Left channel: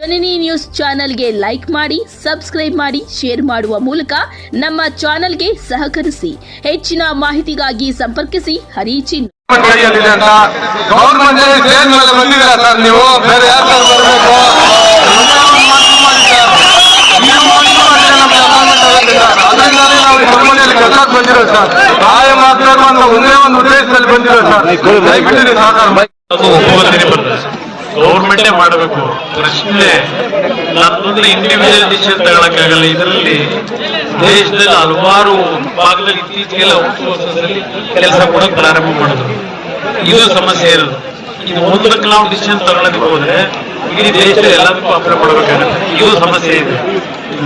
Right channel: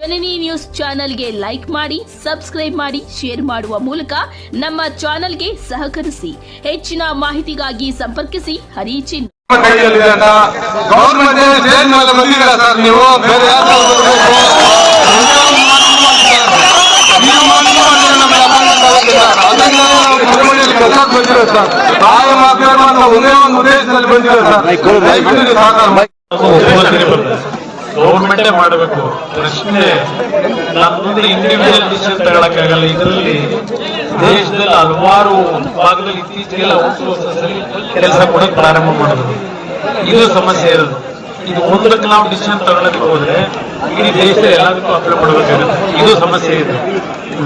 ಜನನಿ news ಚಾನೆಲ್ಗೆ like ಮಾಡಿ, subscribe ಮಾಡಿ, ಶೇರ್ ಮಾಡುವ ಮೂಲಕ ನಮ್ಮ ಚಾನೆಲ್ಗೆ ಸಹಕರಿಸಿ. ಹೆಚ್ಚಿನ ಮಾಹಿತಿಗಾಗಿ ಸಂಪರ್ಕಿಸಿ ಹರಿಚಿನ್. ಗೌರ್ಮೆಂಟೇ ಮಾಡಬೇಕು. ಪ್ರಶ್ನೆ ನನ್ನೊಂದು ಇಂಡಿವಿಜುವಲ್ ಡಿಸಿಷನ್ ತಗೊಳಕ್ಕಾಗಲ್ಲ. ಇದರಲ್ಲಿ ದೇಶದಲ್ಲಿ ಹಲವಾರು ಭಾಗದಲ್ಲಿ ಇತ್ತೀಚೆಗೆಲ್ಲ ವರ್ಷದಲ್ಲಿ ಕೆಲಸ ಕೊಡೋಕೆ ಪ್ರಾರಂಭ ಮಾಡಿದ್ರು. ಇದು ಸಮಸ್ಯೆ ಇರೋದು. ಇದು ಒಂದಕ್ಕೆ ನಾವು ಡಿಸಿಷನ್ ತಗೊಳಕ್ಕೆ ಹೋದ್ರೆ ಇಡೀ ದೇಶದಲ್ಲಿ ಎಲ್ಲದಕ್ಕೂ ಅಪ್ಲೈ ಮಾಡಬೇಕಾಗುತ್ತೆ. ಇದು ಸಮಸ್ಯೆ ಇದೆ.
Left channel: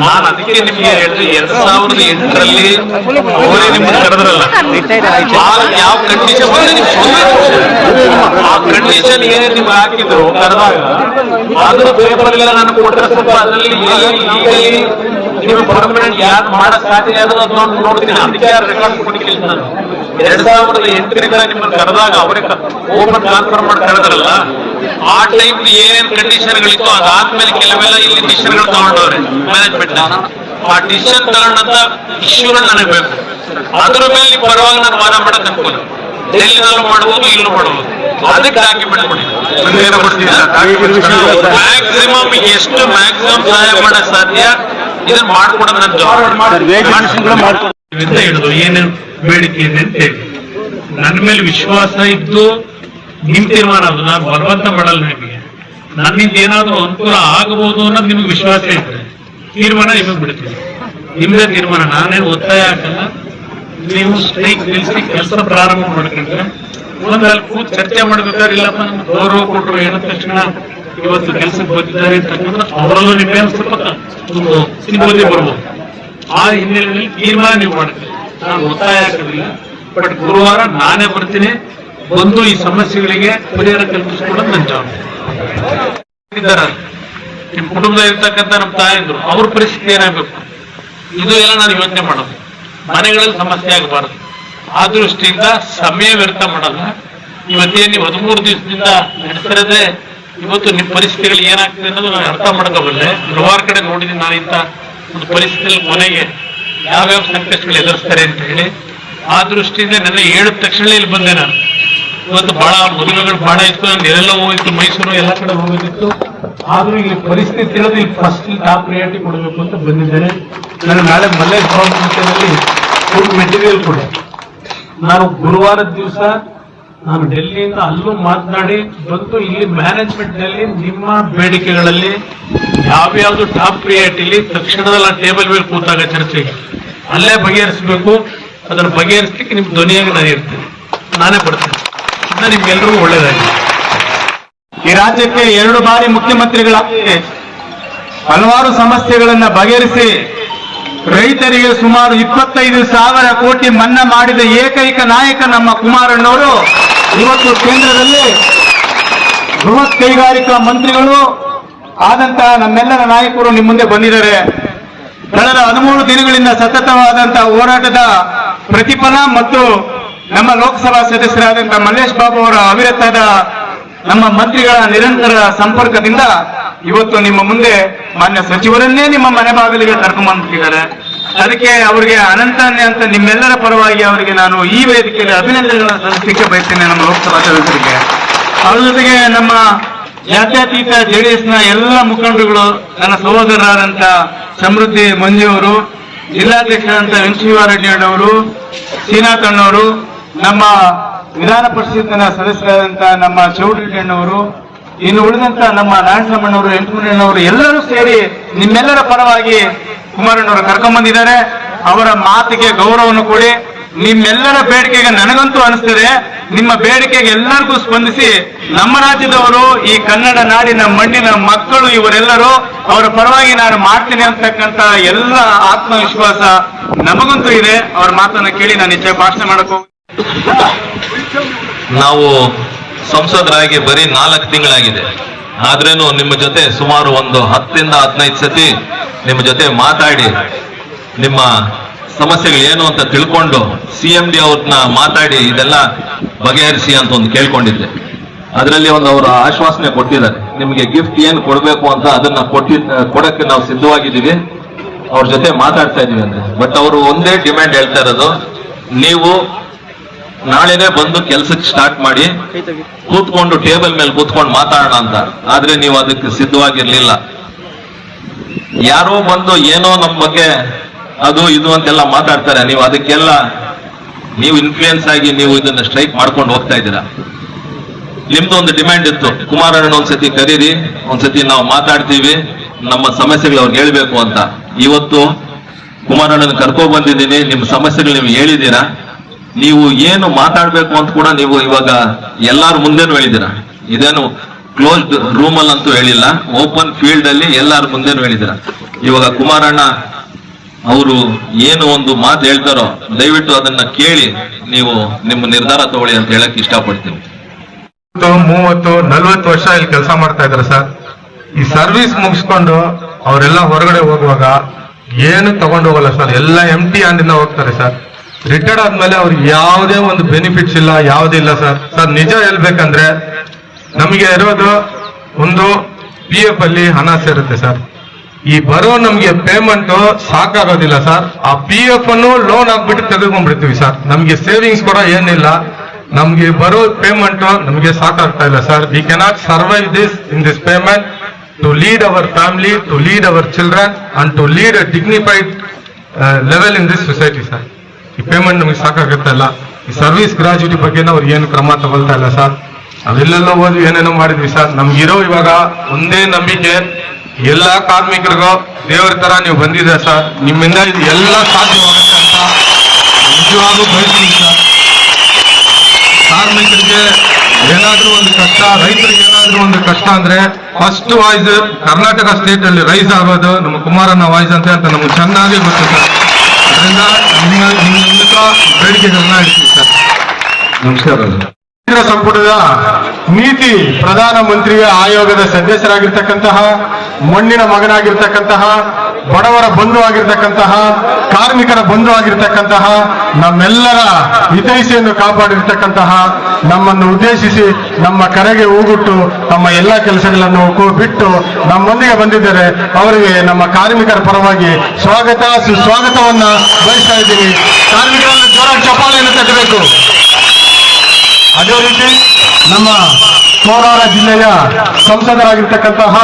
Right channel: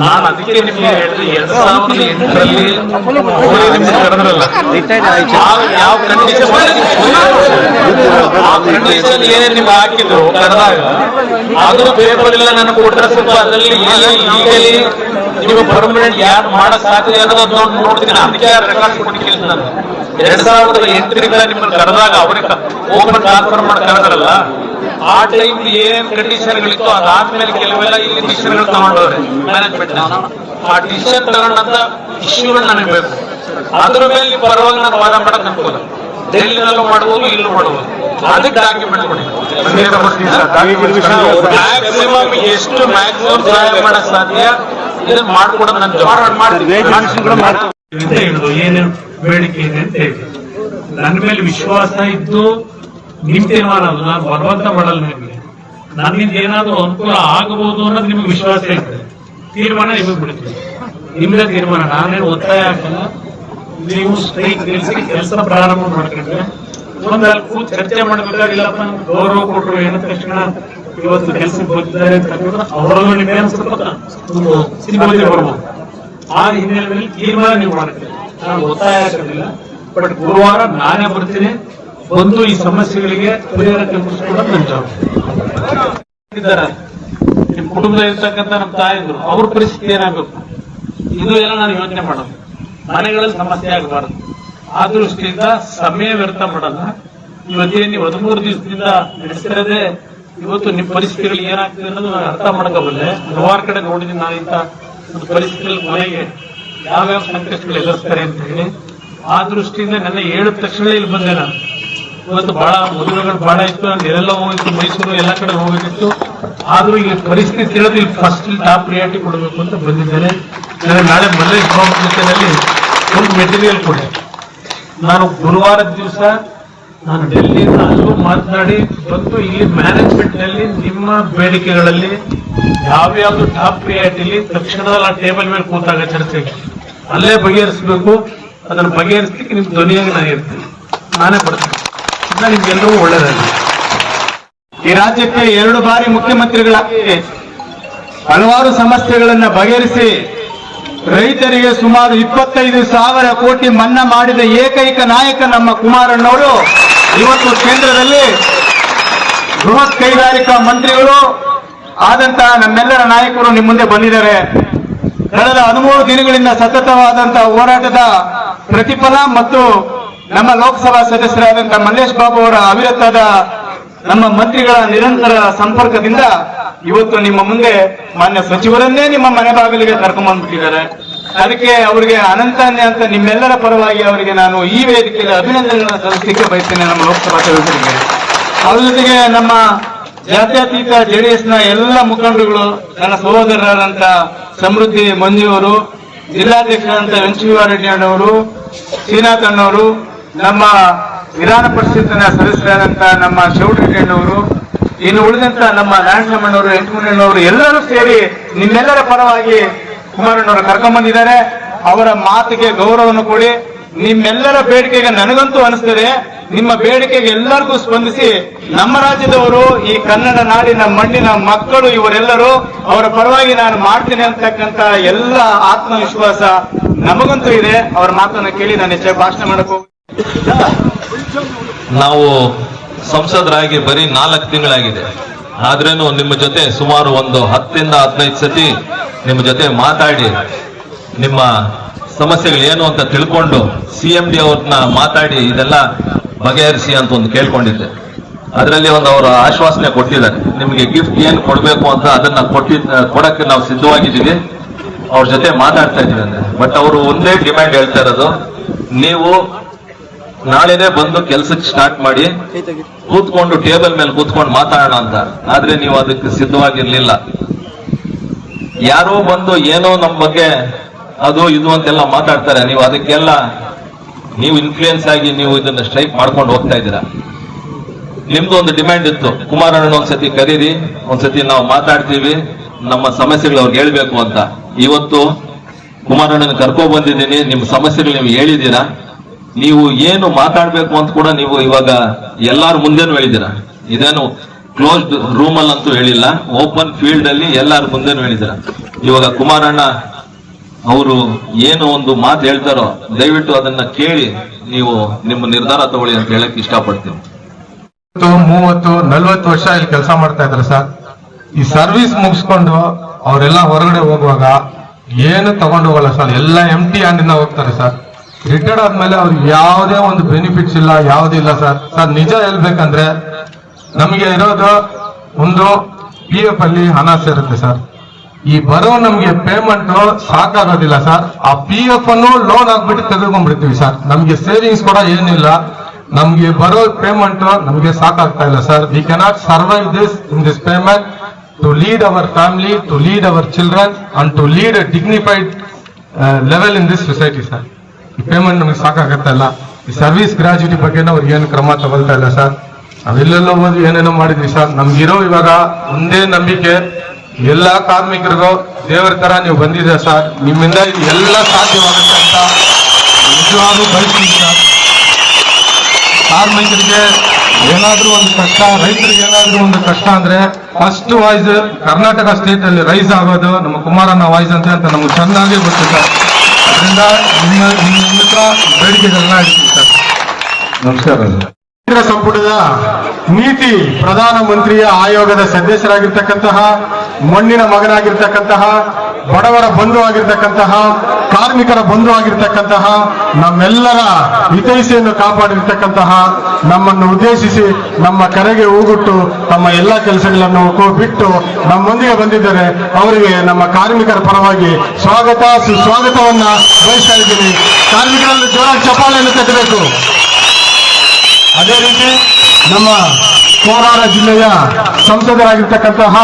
ನಾನು ಅದಕ್ಕೆ ನಿಮಗೆ ಹೇಳಿದ್ರೆ 2008ರಲ್ಲಿ ನಿಮ್ಗೆ ಕರೆದ್ರಲ್ಲ, ಯಾವ ಕಂಡೀಷನ್ ಏನೇ ನೀವು ಹಾಕಿದ್ರು ಕರೆದಾಗ ಅದು ಪೇಪರ್ ಎಲ್ಲ ನಾನು ಕೊಟ್ಟರೆ ಸ್ವಲ್ಪ ಅದರಲ್ಲಿ ಲೀಗಲಿ ನೀವು ಪರ್ಮನೆಂಟ್ ಯಾರು ಮಾಡಕ್ ಸಾಧ್ಯ ಅನ್ನೋದು ನೋಡ್ತೀನಿ. ಅದಕ್ಕೆ ರೆಕಾರ್ಡ್ ಕೊಟ್ಟಿಲ್ಲ. ನಾನು 2008ರಿಂದ ನಿಮ್ಮನ್ನು ಕರೆದಾಗ ಅವ್ರಿಗೆ ಓಪನ್ ಟ್ರಾನ್ಸ್ಫರ್ ಮಾಡ್ತಾರಲ್ಲ, ಆ ಟೈಮ್ ಏನ್ ಕಂಡೀಷನ್ಗಳಿತ್ತು ಅದಾದ್ಮೇಲೆ ಕೆಲವೆಲ್ಲ ಇಲ್ಲಿ ಡಿಸಿಷನ್ಗಳು ತಗೊಂಡವ್ರೆ ಮ್ಯಾನೇಜ್ಮೆಂಟ್. ಆ ಡಿಸಿಷನ್ ತಗೊಂಡಂತ ಇಶ್ಯೂನ ನನಗೆ ಬೇಕು. ಅದ್ರ ಮೇಲೆ ನೀವು ಪರವಾಗಿ ನಾನು ವಾದ ಮಾಡಕ್ ಅನ್ಕೋದು. ಡೆಲ್ಲಿನಲ್ಲೂ ಮಾಡುವುದು, ಇಲ್ಲೂ ಮಾಡುವುದು. ಅದಕ್ಕೆ ಡಾಕ್ಯುಮೆಂಟ್ ಕೊಡಿ. ಮ್ಯಾಕ್ಸಿಮಮ್ ಎಷ್ಟು ಮ್ಯಾಕ್ಸಿಮಮ್ ಸಹಾಯ ಮಾಡಕ್ ಸಾಧ್ಯ ಇದನ್ನ ಮಾಡ್ಕೊಡೋದು ನನ್ನ ಹೇಳಿದ್ರು. ಏನೇನು ಬೇಡಿಕೆ ಇದೆ ಅಂತ ಹೇಳಿ ನನ್ನ ಮೇಲೆ ವಿಶ್ವಾಸ ಇದ್ದು ನಿಮ್ ತೀರ್ಮಾನ. ನಾನು ಬಲವಂತ ಮಾಡಲ್ಲ ನಿಮಗೆ. ನನ್ನಿಂದ ಏನಾದ್ರು ಅನುಕೂಲ ಆಗಬಹುದು ಅನ್ನೋದು ನಿಮ್ಗೆ ವಿಶ್ವಾಸ ಇರ್ತದೆ. ತೀರ್ಮಾನ ನಿಮಗೆ ಬಿಡ್ತೀನಿ. ನಿಮ್ದೇ ತೀರ್ಮಾನ. ನಾನೇನು ಒತ್ತಾಯ ಹಾಕಲ್ಲ. ನೀವು ಸ್ಟ್ರೈಕ್ ನಿಲ್ಲಿಸಿ ಕೆಲಸ ಪ್ರಾರಂಭ ಮಾಡ್ಕೊಂಡ್ರೆ ಒಂದಲ್ಲಿ ಕೂತ್ ಚರ್ಚೆ ಮಾಡ್ಬೇಕಾದ್ರೆ ಇಲ್ಲಪ್ಪ ನಮ್ಗೆ ಗೌರವ ಕೊಟ್ಟರು ಹೇಳಿದ ತಕ್ಷಣ ಇವತ್ತು ಕೆಲಸಕ್ಕೆ ಬಂದಿದ್ದಾರೆ ಅಂತಕ್ಕಂಥ ಅವರಲ್ಲೂ ನಿಮಗೆ ಸ್ವಲ್ಪ ಒಂದು ಸಿಂಬಲಿ ಬರ್ಬೋದು. ಆ ಹಿನ್ನೆಲೆಯಲ್ಲಿ ತೀರ್ಮಾನ ನೀವು ಮಾಡ್ತೀರಿ. ನಾನು ಒತ್ತಾಯ ಹಾಕೋದಿಲ್ಲ. ಬಟ್ ಗುರುವಾರ ನಾನೇ ಬರ್ತೀನಿ. ಬಂದು ಈ ಸಮಸ್ಯೆಗಳಿಗೆ ಪರಿಹಾರ ಕಲ್ಪಿಸಿಕೊಳ್ಳೋದು ನನ್ನ ಜವಾಬ್ದಾರಿ. ನಿಮ್ ಕುಟುಂಬದಲ್ಲಿ ಇರ್ತಕ್ಕಂಥ ನಮ್ಮ ತಾಯಿದ್ರು ಅವ್ರ ಪರಿಸ್ಥಿತಿ ಏನಾಗಬೇಕು, ಇದು ಎಲ್ಲ ನಾನು ಯೋಚನೆ ಮಾಡೋದು. ಮನೆಗಳಲ್ಲಿ ಸಮಸ್ಯೆ ಆಗಬಾರ್ದು. ಆ ದೃಷ್ಟಿಯಿಂದ ಸಮಯ ವ್ಯರ್ಥ ಮಾಡಲ್ಲ. ಇವತ್ತೇನು ನೀವು 13 ದಿವಸದಿಂದ ನಡೆಸಿರದೆ ಇವತ್ತು ನಿಮ್ಮ ಪರಿಸ್ಥಿತಿಗಳು ಏನಾಗ್ತದೆ ಅನ್ನೋದು ನಾನು ಅರ್ಥ ಮಾಡ್ಕೋಬಲ್ಲೆ. ಹಲವಾರು ಕಡೆ ನೋಡಿದ್ದೀನಿ ನಾನು ಇಂಥ ಒಂದು ಪರಿಸ್ಥಿತಿಯಲ್ಲಿ ಮನೆಗೆ ಯಾವ್ಯಾವ ಸಂಕಷ್ಟಗಳು ಎದುರಿಸ್ತಾರೆ ಅಂತ ಹೇಳಿ. ಆ ದೃಷ್ಟಿಯಿಂದ ನನ್ನ ಹೇಳಿದ ತಕ್ಷಣ ಇಲ್ಲಿ ಬಂದೆ. ನಾನು ಇವತ್ತು ಬಹಳ ಮದುವೆಗಳು ಬಹಳ ಇತ್ತು. ನಾನು ಎಲ್ಲೆಲ್ಲ ಹೋಗಿತ್ತು, ಮೈಸೂರು ಎಲ್ಲ ಕಡೆ ಹೋಗಿತ್ತು. ಆದ್ರೂ ಈ ಪರಿಸ್ಥಿತಿ ಇರೋದು ಇಲ್ಲಿ ಫಸ್ಟ್ ಟಾಪ್ ಪ್ರಿಯಾರಿಟಿ ಕೊಡಬೇಕು ಅಂತ ಬಂದಿದ್ದೇನೆ. ನಾನು ನಾಳೆ ಮೊದಲೇ ಒಂದು ಮೆಟೀರಿಯಲ್ ಕೊಟ್ಟೆ. ನಾನು ಗುರುವಾರದ ದಿವಸ ನಾನು ಡೆಲ್ಲಿಯಿಂದ ಅಲ್ಲೂ ಮಾತನಾಡಿ ಬಂದು ಈ ಮ್ಯಾನೇಜ್ಮೆಂಟ್ ನಲ್ಲಿ ನಿಮ್ಮ ಬೇಡಿಕೆಗಳಲ್ಲಿ ಯಾವ್ಯಾವ್ದು ಟಾಪ್ ಪ್ರಿಯಾರಿಟಿಲಿ ತಕ್ಷಣದಲ್ಲಿ ಟೇಬಲ್ ಮೇಲೆ ಕೂತಾಗ ಚರ್ಚೆಗೆ ಅಲ್ಲೇ ಬಗೆಹರಿಸಬೇಕು. ಅದನ್ನು ಬಗೆಹರಿಸಲಿಕ್ಕೆ ನಿಮ್ ಧ್ವನಿಯಾಗಿ ನಾನು ಇರ್ತೀನಿ. ನಾನೇ ಬರ್ತೀನಿ. ನಿಮ್ಗೆಲ್ಲರಿಗೂ ಒಳ್ಳೇದಾಗಿ. ಈ ರಾಜ್ಯಕ್ಕೆ 2 ಬಾರಿ ಮುಖ್ಯಮಂತ್ರಿಗಳಾಗಿ ಹಲವಾರು ಸಮಸ್ಯೆಗಳನ್ನ ಬಗೆಹರಿಸಿ ರೈತರಿಗೆ ಸುಮಾರು 25,000 ಕೋಟಿ ಮನ್ನಾ ಮಾಡಿದ ಏಕೈಕ ನಾಯಕ ನಮ್ಮ ಕುಮಾರಣ್ಣವರು ಇವತ್ತು ಕೇಂದ್ರದಲ್ಲಿ ಬೃಹತ್ ಕೈಗಾರಿಕಾ ಮಂತ್ರಿಗಳು ಆದಂತಹ ನಮ್ಮೆಲ್ಲರ ನಾಯಕರು ನಿಮ್ಮ ಮುಂದೆ ಬಂದಿದ್ದಾರೆ. ಕಳೆದ 13 ದಿನಗಳಿಂದ ಸತತವಾದಂತಹ ಹೋರಾಟದ ಪ್ರತಿಫಲ ಮತ್ತು ನಮ್ಮ ಲೋಕಸಭಾ ಸದಸ್ಯರಾದಂತಹ ಮಲ್ಲೇಶ್ ಬಾಬು ಅವರ ಅವಿರತದ ನಮ್ಮ ಮಂತ್ರಿಗಳ ನಿರಂತರ ಸಂಪರ್ಕದಿಂದ ಇವತ್ತು ನಿಮ್ಮ ಮುಂದೆ ಮಾನ್ಯ ಸಚಿವರನ್ನೇ ನಿಮ್ಮ ಮನೆ ಬಾಗಿಲಿಗೆ ಕರ್ಕೊಂಡ್ಬಂದ್ಬಿಟ್ಟಿದ್ದಾರೆ. ಅದಕ್ಕೆ ಅವರಿಗೆ ಅನಂತ ನಿಮ್ಮೆಲ್ಲರ ಪರವಾಗಿ ಅವರಿಗೆ ನಾನು ಈ ವೇದಿಕೆಯಲ್ಲಿ ಅಭಿನಂದನೆಗಳನ್ನು ಸಲ್ಲಿಸಲಿಕ್ಕೆ ಬಯಸ್ತೇನೆ. ನಮ್ಮ ಲೋಕಸಭಾ ಸದಸ್ಯರಿಗೆ, ಅವ್ರ ಜೊತೆಗೆ ನಮ್ಮ ಜಾತ್ಯತೀತ ಜೆಡಿಎಸ್ನ ಎಲ್ಲ ಮುಖಂಡರುಗಳು, ನನ್ನ ಸಹೋದರರಾದಂತ ಸಮೃದ್ಧಿ ಮಂಜು ಅವರು, ಜಿಲ್ಲಾಧ್ಯಕ್ಷರಾದಂತ ವೆಂಕಟೇಶ್ವರ ಅವರು, ಶ್ರೀನಾಥ್ ಅಣ್ಣವರು, ನಮ್ಮ ವಿಧಾನ ಪರಿಷತ್ತಿನ ಸದಸ್ಯರಾದಂತ ನಮ್ಮ ಚೌಟ್ರಿ ಅಣ್ಣವರು, ಇನ್ನು ಉಳಿದಂತ ನಮ್ಮ ನಾರಾಯಣಮ್ಮನವರು, ಎಂಟಮಣ್ಣನವರು ಎಲ್ಲರೂ ಸೇರಿ ನಿಮ್ಮೆಲ್ಲರ ಪರವಾಗಿ ಕುಮಾರಣ್ಣವರು ಕರ್ಕೊಂಡ್ಬಂದಿದ್ದಾರೆ. ಅವರ ಮಾತಿಗೆ ಗೌರವವನ್ನು ಕೊಡಿ. ನಿಮ್ಮೆಲ್ಲರ ಬೇಡಿಕೆಗೆ ನನಗಂತೂ ಅನಿಸ್ತದೆ, ನಿಮ್ಮ ಬೇಡಿಕೆಗೆ ಎಲ್ಲರಿಗೂ ಸ್ಪಂದಿಸಿ ನಮ್ಮ ರಾಜ್ಯದವರು, ಈ ಕನ್ನಡ ನಾಡಿನ ಮಣ್ಣಿನ ಮಕ್ಕಳು ಇವರೆಲ್ಲರೂ ಅವರ ಪರವಾಗಿ ನಾನು ಮಾಡ್ತೀನಿ ಅಂತಕ್ಕಂಥ ಎಲ್ಲ ಆತ್ಮವಿಶ್ವಾಸ ನಮಗಂತೂ ಇದೆ. ಅವರ ಮಾತನ್ನು ಕೇಳಿ ನಾನು ಹೆಚ್ಚಾಗಿ ಭಾಷಣ ಮಾಡಕ್ ಹೋಗಿ. ನಾವು ಸಂಸದರಾಗಿ ಬರೀ 4 ತಿಂಗಳಾಗಿದೆ. ಆದ್ರೇನು ನಿಮ್ಮ ಜೊತೆ ಸುಮಾರು ಒಂದು 10ರಿಂದ 15 ಸತಿ ನಿಮ್ಮ ಜೊತೆ ಮಾತಾಡಿ ನಿಮ್ಮ ಸಮಸ್ಯೆಗಳು ಏನು ಅಂತ ತಿಳ್ಕೊಂಡು CMD ಅವ್ರನ್ನ ಮಾತಾಡಿ ಇದೆಲ್ಲ ಬಗೆಹರಿಸಿ ಅಂತ ಒಂದು ಕೇಳ್ಕೊಂಡಿದ್ದೆ. ಅದರಲ್ಲಿ ಒಂದು ಅವರು ಆಶ್ವಾಸನೆ ಕೊಟ್ಟಿದ್ದಾರೆ, ನಿಮಗೆ ಗಿಫ್ಟ್ ಏನು ಕೊಡ್ಬೇಕು ಅಂತ ಅದನ್ನ ಕೊಡಕ್ಕೆ ನಾವು ಸಿದ್ಧವಾಗಿದ್ದೀವಿ, ಅವ್ರ ಜೊತೆ ಮಾತಾಡ್ತಾ ಇದೀವಿ ಅಂತ. ಬಟ್ ಅವರು ಒಂದೇ ಡಿಮ್ಯಾಂಡ್ ಹೇಳ್ತಾ ಇರೋದು, ನೀವು ನಾಳೆನೆ ಬಂದು ಕೆಲ್ಸಕ್ಕೆ ಸ್ಟಾರ್ಟ್ ಮಾಡಿ, ಕೂತ್ಕೊಂಡು ಟೇಬಲ್ ಮೇಲೆ ಕೂತ್ಕೊಂಡು ಮಾತಾಡೋಣ ಅಂತ. ಆದ್ರೆ ನೀವು ಅದಕ್ಕೆ ಸಿದ್ಧವಾಗಿರ್ಲಿಲ್ಲ. ಯಾರೋ ಬಂದು ಏನೋ ನಮ್ಮ ಬಗ್ಗೆ ಅದು ಇದು ಅಂತೆಲ್ಲ ಮಾತಾಡ್ತಾರೆ, ನೀವು ಅದಕ್ಕೆಲ್ಲ ನೀವು ಇನ್ಫ್ಲೂಯೆನ್ಸ್ ಆಗಿ ನೀವು ಇದನ್ನ ಸ್ಟ್ರೈಕ್ ಮಾಡ್ಕೊಂಡು ಹೋಗ್ತಾ ಇದ್ದೀರಾ. ನಿಮ್ದು ಒಂದು ಡಿಮ್ಯಾಂಡ್ ಇತ್ತು, ಕುಮಾರಣ್ಣ ಒಂದ್ಸತಿ ಕರೀರಿ, ಒಂದ್ಸತಿ ನಾವು ಮಾತಾಡ್ತೀವಿ, ನಮ್ಮ ಸಮಸ್ಯೆಗಳು ಅವ್ರಿಗೆ ಹೇಳ್ಬೇಕು ಅಂತ. ಇವತ್ತು ಕುಮಾರಣ್ಣನ ಕರ್ಕೊ ಬಂದಿದ್ದೀನಿ, ನಿಮ್ಮ ಸಮಸ್ಯೆಗಳು ನೀವು ಹೇಳಿದ್ದೀರಾ. ನೀವು ಏನು ಮಾತಾಡ್ಬೇಕು ಅಂತ ಕೂಡ ನೀವು ಇವಾಗ ಎಲ್ಲಾರ ಮುಂದೆನೂ ಹೇಳಿದ್ದೀರಾ. ಇದೇನು ಕ್ಲೋಸ್ಡ್ ರೂಮ್ ಅಲ್ಲಂತೂ ಹೇಳಿಲ್ಲ, ಓಪನ್ ಫೀಲ್ಡ್ ಅಲ್ಲಿ ಎಲ್ಲಾರ ಮುಂದೆನೂ ಹೇಳಿದ್ದೀರಾ. ಇವಾಗ ಕುಮಾರಣ್ಣ ಅವರು ಏನು ಒಂದು ಮಾತು ಹೇಳ್ತಾರೋ ದಯವಿಟ್ಟು ಅದನ್ನ ಕೇಳಿ ನೀವು ನಿಮ್ಮ ನಿರ್ಧಾರ ತಗೊಳ್ಳಿ ಅಂತ ಹೇಳಕ್ ಇಷ್ಟಪಡ್ತೀವಿ. 30-40 ವರ್ಷ ಇಲ್ಲಿ ಕೆಲಸ ಮಾಡ್ತಾ ಇದ್ದಾರೆ ಸರ್. ಈ ಸರ್ವಿಸ್ ಮುಗಿಸ್ಕೊಂಡು ಅವರೆಲ್ಲ ಹೊರಗಡೆ ಹೋಗುವಾಗ ಏನು ತಗೊಂಡು ಹೋಗಲ್ಲ ಸರ್, ಎಲ್ಲ ಎಂಟಿ ಹ್ಯಾಂಡಿಂದ ಹೋಗ್ತಾರೆ ಸರ್. ರಿಟೈರ್ಡ್ ಆದ್ಮೇಲೆ ಅವ್ರಿಗೆ ಯಾವುದೇ ಒಂದು ಬೆನಿಫಿಟ್ಸ್ ಇಲ್ಲ, ಯಾವುದಿಲ್ಲ ಸರ್. ಸರ್ ನಿಜ ಹೇಳ್ಬೇಕಂದ್ರೆ ನಮಗೆ ಇರೋದು ಒಂದು PF ಅಲ್ಲಿ ಹಣ ಸೇರುತ್ತೆ ಸರ್. ಈ ಬರೋ ನಮ್ಗೆ ಪೇಮೆಂಟ್ ಸಾಕಾಗೋದಿಲ್ಲ ಸರ್. ಆ PF ಅನ್ನು ಲೋನ್ ಆಗ್ಬಿಟ್ಟು ತೆಗೆದುಕೊಂಡ್ಬಿಡ್ತೀವಿ ಸರ್. ನಮ್ಗೆ ಸೇವಿಂಗ್ಸ್ ಕೂಡ ಏನಿಲ್ಲ, ನಮ್ಗೆ ಬರೋ ಪೇಮೆಂಟ್ ನಮ್ಗೆ ಸಾಕಾಗ್ತಾ ಇಲ್ಲ sir. We cannot survive this in this payment to lead our family, to lead our children and to lead a dignified level in this society sir. ಈ ಪೇಮೆಂಟ್ ನಮಗೆ ಸಾಕಾಗುತ್ತಾ ಇಲ್ಲ. ಈ ಸರ್ವಿಸ್ ಗ್ರಾಜ್ಯುಟಿ ಬಗ್ಗೆ ಅವ್ರಿಗೆ ಏನು ಕ್ರಮ ತಗೊಳ್ತಾ ಇಲ್ಲ ಸರ್. ನಾವೆಲ್ಲೆಲ್ಲ ಓದಿ ಏನೇನೋ ಮಾಡಿದ್ವಿ ಸರ್. ನಮ್ಗಿರೋ ಇವಾಗ ಒಂದೇ ನಂಬಿಕೆ, ಎಲ್ಲಾ ಕಾರ್ಮಿಕರಿಗೂ ದೇವರ ತರ ನೀವು ಬಂದಿದೆ ಸರ್. ನಿಮ್ಮಿಂದ ಇದು ಎಲ್ಲ ಸಾಧ್ಯವಾಗುತ್ತೆ ಅಂತ ನಿಜವಾಗ್ಲೂ ಬಯಸ್ತೀನಿ ಸರ್. ಕಾರ್ಮಿಕರಿಗೆ ಏನಾದ್ರೂ ಒಂದು ಕಷ್ಟ, ರೈತರಿಗೆ ಏನಾದ್ರೂ ಒಂದು ಕಷ್ಟ ಅಂದ್ರೆ ಫಸ್ಟ್ ವಾಯ್ಸ್ ಕರ್ನಾಟಕ ಸ್ಟೇಟ್ ಅಲ್ಲಿ ರೈಸ್ ಆಗೋದು ನಮ್ಮ ಕುಮಾರಣ್ಣ ವಾಯ್ಸ್ ಅಂತ ನಮ್ಗೆ ಚೆನ್ನಾಗಿ ಗೊತ್ತು ಸರ್. ಅದರಿಂದ ನಿಮ್ಮ ಮೂಲಕ ಬೇಡಿಕೆಗಳನ್ನ ಇಡ್ತೀವಿ ಸರ್. ನಮಸ್ಕಾರ. ಕೇಂದ್ರ ಸಂಪುಟದ ನೀತಿ ಪ್ರಧಾನ ಮಂತ್ರಿಯ ಆಯೋಗದ ಸದಸ್ಯರಾಗಿರ್ತಕ್ಕಂತಹ, ಮಣ್ಣಿನ ಮಗನಾಗಿರ್ತಕ್ಕಂತಹ, ಬಡವರ ಬಂಧು ಆಗಿರ್ತಕ್ಕಂತಹ, ಕಾರ್ಮಿಕರ ಬಂಧು ಆಗಿರ್ತಕ್ಕಂತಹ, ನಮ್ಮೆಲ್ಲರ ಹಿತೈಷಿಯನ್ನು ಕಾಪಾಡಿರ್ತಕ್ಕಂತಹ, ನಮ್ಮನ್ನು ಉದ್ದೇಶಿಸಿ ನಮ್ಮ ಕರೆಗೆ ಹೂಗುಟ್ಟು ತಮ್ಮ ಎಲ್ಲ ಕೆಲಸಗಳನ್ನು ಬಿಟ್ಟು ನಮ್ಮೊಂದಿಗೆ ಬಂದಿದ್ದಾರೆ. ಅವರಿಗೆ ನಮ್ಮ ಕಾರ್ಮಿಕರ ಪರವಾಗಿ ಸ್ವಾಗತ ಸುಸ್ವಾಗತವನ್ನ ಬಯಸ್ತಾ ಇದ್ದೀನಿ. ಕಾರ್ಮಿಕರಲ್ಲಿ ಜೋರ ಚಪ್ಪಾಳೆಯನ್ನು ತಟ್ಟಬೇಕು. ಅದೇ ರೀತಿ ನಮ್ಮ ಕೋಲಾರ ಜಿಲ್ಲೆಯ ಸಂಸದರಾಗಿರ್ತಕ್ಕಂತಹ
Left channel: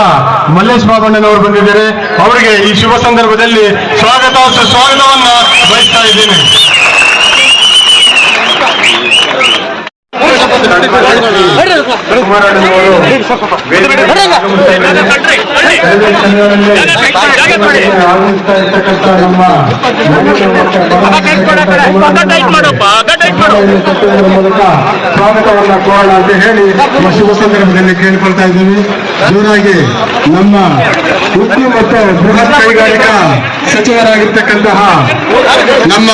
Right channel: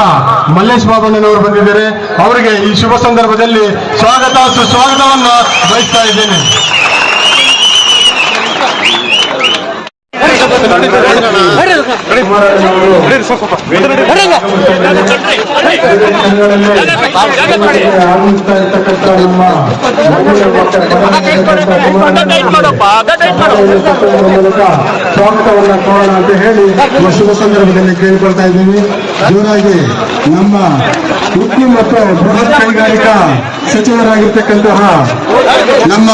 ಮಲ್ಲೇಶ್ ಬಾಬಣ್ಣನವರು ಬಂದಿದ್ದಾರೆ. ಅವರಿಗೆ ಈ ಶುಭ ಸಂದರ್ಭದಲ್ಲಿ ಸ್ವಾಗತ ಸುಸ್ವಾಗತವನ್ನ ಬಯಸ್ತಾ ಇದ್ದೇನೆ. ಸ್ವಾಗತವನ್ನ ಕೋರೋಣ ಅಂತ ಹೇಳಿ ಈ ಶುಭ ಸಂದರ್ಭದಲ್ಲಿ ಕೇಳ್ಕೊಳ್ತಾ ಇದ್ದೀವಿ. ಜೋರಾಗಿ ನಮ್ಮ ಉದ್ದಿಮೆ ಮತ್ತು ಬೃಹತ್ ಕೈಗಾರಿಕಾ ಸಚಿವರಾಗಿರ್ತಕ್ಕಂತಹ, ನಮ್ಮ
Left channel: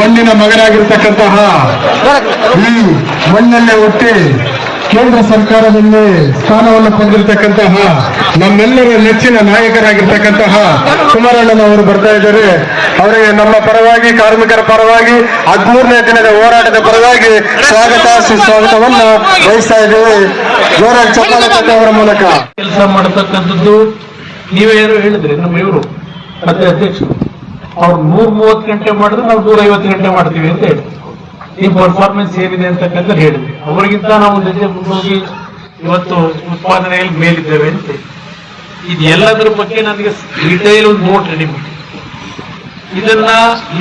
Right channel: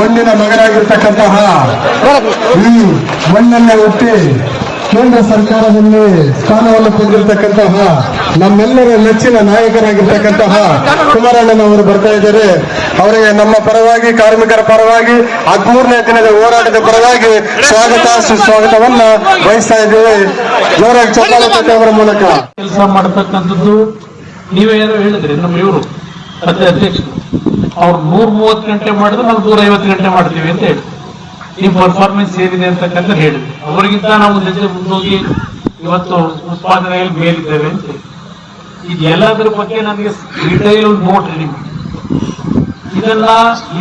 ಮಣ್ಣಿನ ಮಗನಾಗಿರ್ತಕ್ಕಂತಹ, ಈ ಮಣ್ಣನ್ನೇ ಹುಟ್ಟಿ ಕೇಂದ್ರ ಸರ್ಕಾರದಲ್ಲಿ ಸ್ಥಾನವನ್ನು ಹೊಂದಿರತಕ್ಕಂತಹ, ನಮ್ಮೆಲ್ಲರ ನೆಚ್ಚಿನ ನಾಯಕರಾಗಿರ್ತಕ್ಕಂತಹ ಕುಮಾರಣ್ಣನವರು ಬರ್ತಾ ಇದ್ದಾರೆ. ಅವರಿಗೆ ನಮ್ಮ ಪರವಾಗಿ, ಕಾರ್ಮಿಕರ ಪರವಾಗಿ, 13ನೇ ದಿನದ ಹೋರಾಟದ ಪರವಾಗಿ ಸ್ವಾಗತ ಸುಸ್ವಾಗತವನ್ನ ಬಯಸ್ತಾ ಇದ್ದೇವೆ. ಜೋರಾಗಿ ಚಪ್ಪಾಳೆ ತಟ್ಟುವುದರ ಮೂಲಕ ಕೆಲಸ ಮಾಡತಕ್ಕಂಥದ್ದು ನೀವೇ ಏನೋ ಹೇಳಿದ್ರಿ. ನಮ್ಮ ಇವರು ಮತ್ತೆ ಅಧ್ಯಕ್ಷರು ಅವ್ರು 130 ಗಂಟೆ ಮಾಡಿದ್ರೆ ನಾವು 150 ಗಂಟೆ ಮಾಡ್ತೀವಿ ಅಂತ ಹೇಳಿ ಈ ಪರ್ಫಾರ್ಮೆನ್ಸ್ ಏನಿದೆ ಅಂತಕ್ಕಂಥ ಹೇಳಿದ್ವಿ. ಅವರಿಗಿಂತ ನಾವು ಜೊತೆ ಮುಂದೋಗಿ ಇವತ್ತು ಉತ್ಪಾದನೆಯಲ್ಲಿ ಮೇಲಿದ್ದೇವೆ ಅಂತ. ಇದೆಲ್ಲದರ ಬಗ್ಗೆ ನನಗೆ ಡಿಟೈಲ್ ಒಂದು ನೋಟ್ ರೆಡಿ ಮಾಡಿ, ಇದನ್ನ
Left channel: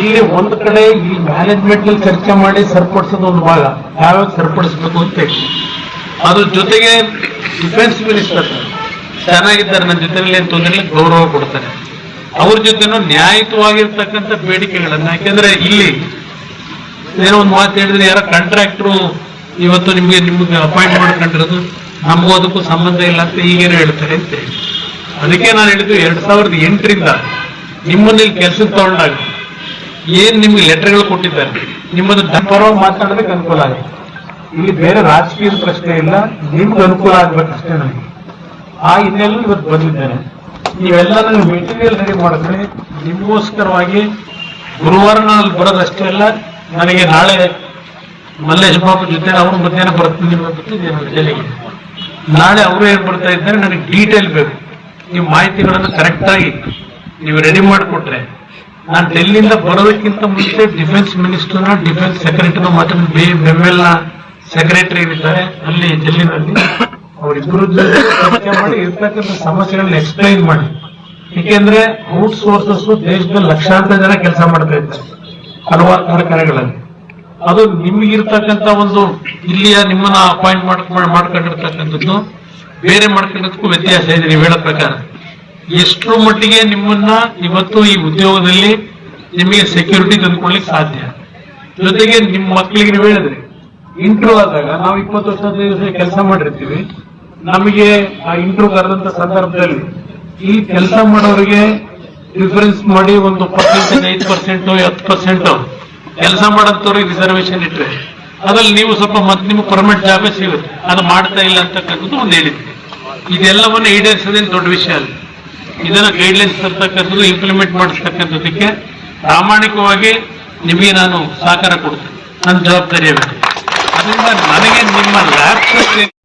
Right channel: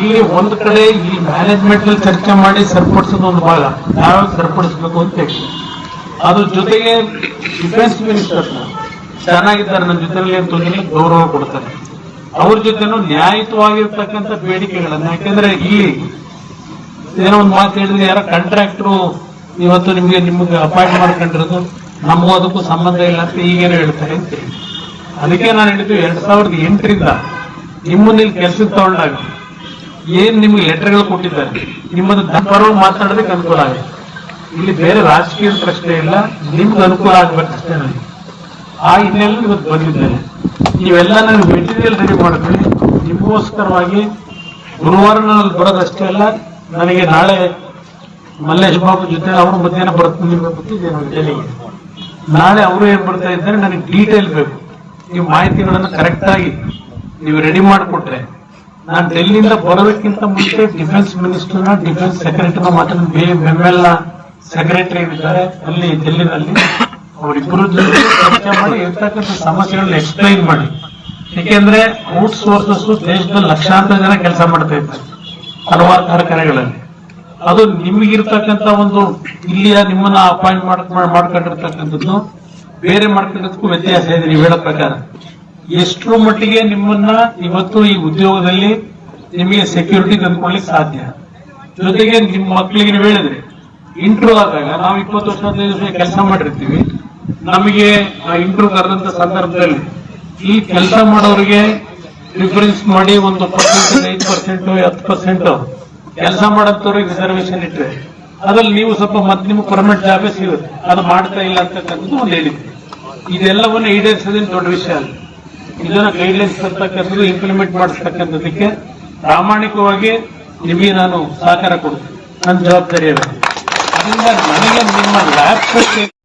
ಇಲ್ಲಿ ಒಂದು ಕಡೆ ಈ ಮ್ಯಾನೇಜ್ಮೆಂಟ್ ಅಲ್ಲಿ ಚರ್ಚೆ ಮಾಡಿ ಸರಿಪಡಿಸೋದು ಒಂದು ಭಾಗ, ಯಾವ್ಯಾವ ಸರಿಪಡಿಸ್ಬೇಕು ಅಂತ ಹೇಳಿ. ಅದ್ರ ಜೊತೆಗೆ ಡಿಫೆನ್ಸ್ ಮಿನಿಸ್ಟರ್ ಚೆನ್ನಾಗಿದ್ದಾರೆ, ನನ್ನ ಜೊತೆಯಲ್ಲಿ ತೊಂದರೆ ಗೌರವ ಕೊಡ್ತಾರೆ. ಅವ್ರ ಜೊತೆನೂ ನ್ಯಾಯಯುತವಾಗಿರ್ತಕ್ಕಂಥ ಬೇಡಿಕೆಗಳನ್ನ, ಯಾಕೆಂದ್ರೆ ಇಲ್ಲಿ ಏನೋ ಒಂದು ಮಾತು ಹೇಳಿದ್ರೆ ಯಾರ ಕಾಂಟ್ರಾಕ್ಟ್ರು ಇವತ್ತು ನಿಮ್ಗೆ ಅಪಾಯಿಂಟ್ ಮಾಡ್ಕೊಂಡಿರೋದು ನಮಗೂ ಅದಕ್ಕೂ ಸಂಬಂಧ ಇಲ್ಲ ಅಂತ ಈಗೇನೋ ಹೇಳ್ತಾರೆ ಅಂತ ಹೇಳಿ. ಅದಕ್ಕೆ ನಾನು ಹೇಳಿದ್ದು 2008ರಿಂದ ನಿಮ್ಮನ್ನ ಕೆಲಸಕ್ಕೆ ತಗೊಂಡಾಗ ಏನ್ ನಿಮ್ಗೆ ಲೆಟರ್ಗಳು ಕೊಟ್ಟಿದ್ದಾರೆ, ನಿಮ್ಮನ್ನು ಪರವಾಗಿ ಮಾತಾಡೋದಕ್ಕೆ ಅನುಕೂಲ ಆಗುತ್ತೆ. ಇಲ್ಲಿ ಬೇರೆ ರಾಜಕೀಯ ಪ್ರಶ್ನೆ ಇಲ್ಲ, ನಿಮ್ಗೆ ಅನುಕೂಲ ಆಗ್ಬೇಕಷ್ಟೇ. ನನಗೆ ಆ ಹಿನ್ನೆಲೆ ಇವತ್ತು ಬಂದಿದ್ದೇನೆ. ನೀವೆಲ್ಲ ನನಗೆ ಮೆಟೀರಿಯಲ್ ರೆಡಿ ಮಾಡಿದ್ರೆ ನಿಮಗೋಸ್ಕರವಾಗಿ ಗುರುವಾರ ನಾನು ಬರೋದಷ್ಟೇ ಅಲ್ಲ, ನನಗೆ ನಾಳೆ ಮಲ್ಲೇಶ್ ಬಾಬು ಜೊತೆ ಅವರು ಮಧ್ಯಾಹ್ನ ಬರ್ತೀನಿ ಡೆಲ್ಲಿಗೆ. ನಾಳೆ ಅವರು ಏನ್ ಬರ್ತಾ ಇದ್ದಾರೆ, ನನಗೆ ಡೀಟೇಲ್ ಬೇಕು, ನೀವು ಮಾಹಿತಿಗಳನ್ನು ಕರೆಕ್ಟ್ ಆಗಿ ನೀವು ರೆಡಿ ಮಾಡಿಕೊಟ್ರೆ ನಾನು ಡೆಲ್ಲಿಯಿಂದ ಬರೋದಕ್ಕಿಂತ ಮುಂಚೆ ಡಿಫೆನ್ಸ್ ಮಿನಿಸ್ಟರ್ನ ಡಿಫೆನ್ಸ್ ಸೆಕ್ರೆಟರಿನ ಮಾತ್ರ ಬೆಮ್ಮೆಲ್ನ ಸೆಕ್ರೆಟರಿ ಏನಿದ್ದಾರೆ ಅಲ್ಲಿ ಡೆಲ್ಲಿನಲ್ಲಿ ಅವರಿಬ್ಬರು ಚರ್ಚೆ ಮಾಡಿ ಇರ್ತಕ್ಕಂಥ ಸಮಸ್ಯೆಗಳನ್ನ ಎಕ್ಸ್ಪ್ಲೈನ್ ಮಾಡಿ. ಏಕೆಂದ್ರೆ ಔಟ್ ಸೋರ್ಸಸ್ ದೇಶದಲ್ಲಿ ಲಕ್ಷಾಂತರ ಜನ ಕೆಲಸ ಮಾಡ್ತಾ ಇದ್ದಾರೆ ಹಲವಾರು ಕಾರ್ಖಾನೆಗಳಲ್ಲಿ. ಅದು ನಿಮಗಿರ್ತಕ್ಕಂಥ ಒಂದು ಇಲ್ಲಿಯ ನಿಮ್ಮನ್ನ ಅಪಾಯಿಂಟ್ ಮಾಡ್ಕೊಂಡಿರ್ತಕ್ಕಂಥದ್ದು ಬೇರೆ ಮಾಡ್ಕೊಂಡಿದ್ದಕ್ಕೂ ವ್ಯತ್ಯಾಸ ಇದೆ. ನೀವು ಹೇಳೋ ಪ್ರಕಾರ ಎಷ್ಟರ ಮಟ್ಟಿಗೆ ನಿಮ್ಮನ್ನ ಇವತ್ತು ಈ ಉದ್ಯೋಗದಲ್ಲಿ ನಿಮಗೆ ಸೆಕ್ಯೂರಿಟಿ ತಂದ್ಕೊಳ್ಳಿಕ್ಕೆ ಸಾಧ್ಯ. ಜೊತೆಗೆ ನಿಮ್ಮ ಮಕ್ಕಳಿಗೆ ನೀವು ಹೇಳಿದ್ರೆ ಇಂಟರ್ವ್ಯೂ ಆದಾಗ ನಾವು 20 ವರ್ಷ 15 ವರ್ಷ ಕೆಲಸ ಮಾಡಿರ್ತೀವಿ, ನಮಗೆ ಆ ಇಂಟರ್ವ್ಯೂ ಕರೆದಂತ ಸಂದರ್ಭದಲ್ಲಿ ಈ ಕೆಲಸ ಮಾಡೋರಿಗೆ ಪ್ರಿಫರೆನ್ಸ್ ಮಾಡಿ ಒಂದು 5%, 10% ಕೆಲಸ ಮಾಡೋಂಥವ್ರಿಗೆ ರಿಸರ್ವೇಶನ್ ಇಟ್ಟರೆ ಅದ್ರಲ್ಲಿ ನೀವು ಸ್ವಲ್ಪ ಮತ್ತೆ ನಿಮ್ಗೆ ಪರ್ಮನೆಂಟ್ ಜಾಬೇ ಸಿಗುತ್ತೆ. ಅದು ಮಾಡ್ತಾ ಇಲ್ಲ ಅಂತಕ್ಕಂಥದ್ದು ಒಂದು ಹೇಳಿದ್ವಿ. ಇದೆಲ್ಲವನ್ನು ಈಡೇರಿಸೋದೇನು ದೊಡ್ಡ ವಿಷಯ ಅಲ್ಲ. ಇದನ್ನ ಗೈಡ್ಲೈನ್ಸ್ ತರ್ತಕ್ಕಂಥದ್ದು ಇಂಪ್ಲಿಮೆಂಟ್ ಮಾಡಿಸ್ತಕ್ಕಂಥದ್ದಕ್ಕೆ ಪ್ರಾಮಾಣಿಕವಾಗಿ ನಿಮಗೆ ನಾನು ಸಹಕಾರ ಕೊಡ್ತೇನೆ, ನನ್ನ ಜವಾಬ್ದಾರಿ ಆಗುತ್ತೆ. ಅದರಿಂದ ನನಗೆ ನಿಮ್ಮ ಲ್ಯಾಬ್